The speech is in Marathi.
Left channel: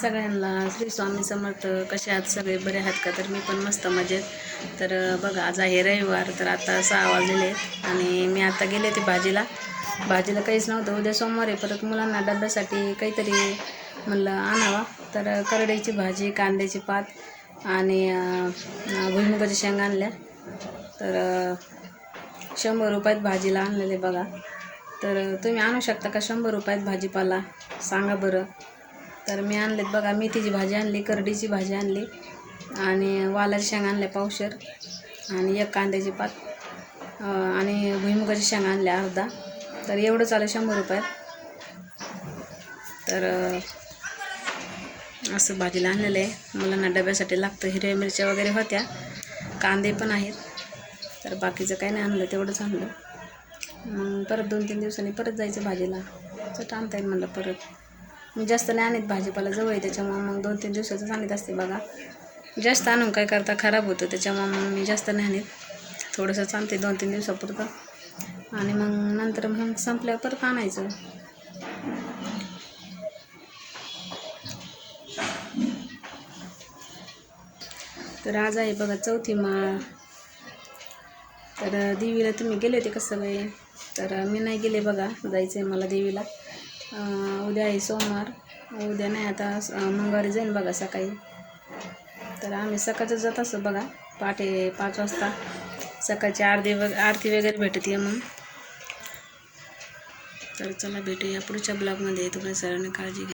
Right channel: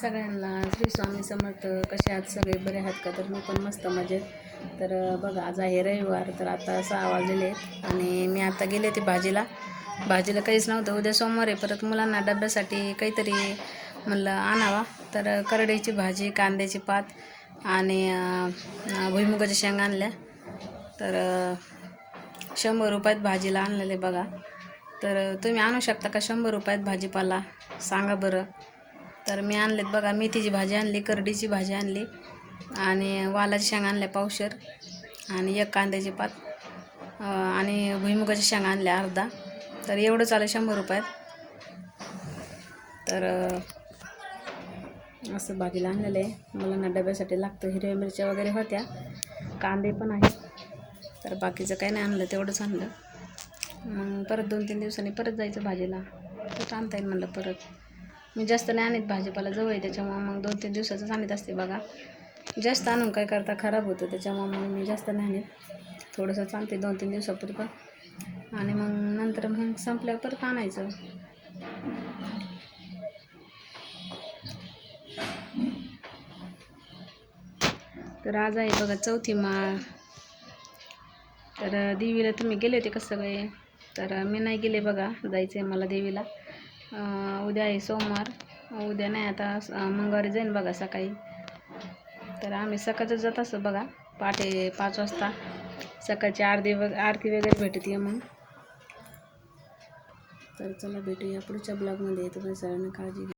सगळ्यांना श्री स्वामी समर्थ. कसे आहात सगळे? बरे आहात का? तर मी पण मस्त मजेत. तर बघा आज आहे रविवार तर आता सहा वाजलेले आणि मी आता गेले ते भाजीला. भाजीला काहीच नव्हतं. उद्या सोमवार आहे. परत मुलांना डब्यासाठी काहीतरी म्हणलं आणावा. तर करड्याची भाजी कांद्याची पात आणि भुईमुगाच्या शेंगा आणल्या. तर शंभर रुपयात भाजीला आणलेले बघा. तर तुम्ही आणू शकता का शंभर रुपयात भाजीपाला? सांगा बरं. तर मी आणलेत बघा मेथीची भाजी आणली करडीची भाजी आणली आणि वालाची शेंगा आणल्या पावशर आणि एक कांद्याची पात आणि भुईमुगाची शेंगा आणल्या अर्धा. तर एवढं चालेल शंभर रुपयात. तर असं भाजीला आणलेलं आहे. मुलांना डब्यासाठी लागतं हिरव्या मिरच्या वगैरे होत्या. कांदे पण आहेत. तर बाकीचं काही नाही आणलं तेवढंच आणलं. मग परत दोन तीन दिवसांनी परत जायचं भाजीला. तर आणता येईल म्हणलं परत. मी जास्त नाही आणत भाजीपाला जवळ आहे त्याच्यामुळं मग दोन तीन दिवसाचंच आणत असते बघा. जास्त आणून काय करता खराब होतं त्याच्यामुळं मग मी जास्त नाही आणत. थोडंसंच आणते दोन तीन दिवसापुरतं. आणि मग नंतर मग संपल्यावर परत आणायचं. तर आज आहे बघा चौथी माळ. तर देवीला तुम्ही गेले होते का सगळे? तर मी नाही गेले बघा जायचं आहे मला देवीला. उद्या आहे सोमवार. उद्या नाही आता मंगळवारी जाईन बघा सकाळी. तर आम्ही सकाळचं जात असतो बघा पहाटे पाच वाजता. सकाळची आरती वग आरती वगैरे भेटते मग तर चला भेटूया पुढच्या ब्लॉगमध्ये. तुम्ही सरांनी काळजी घ्या.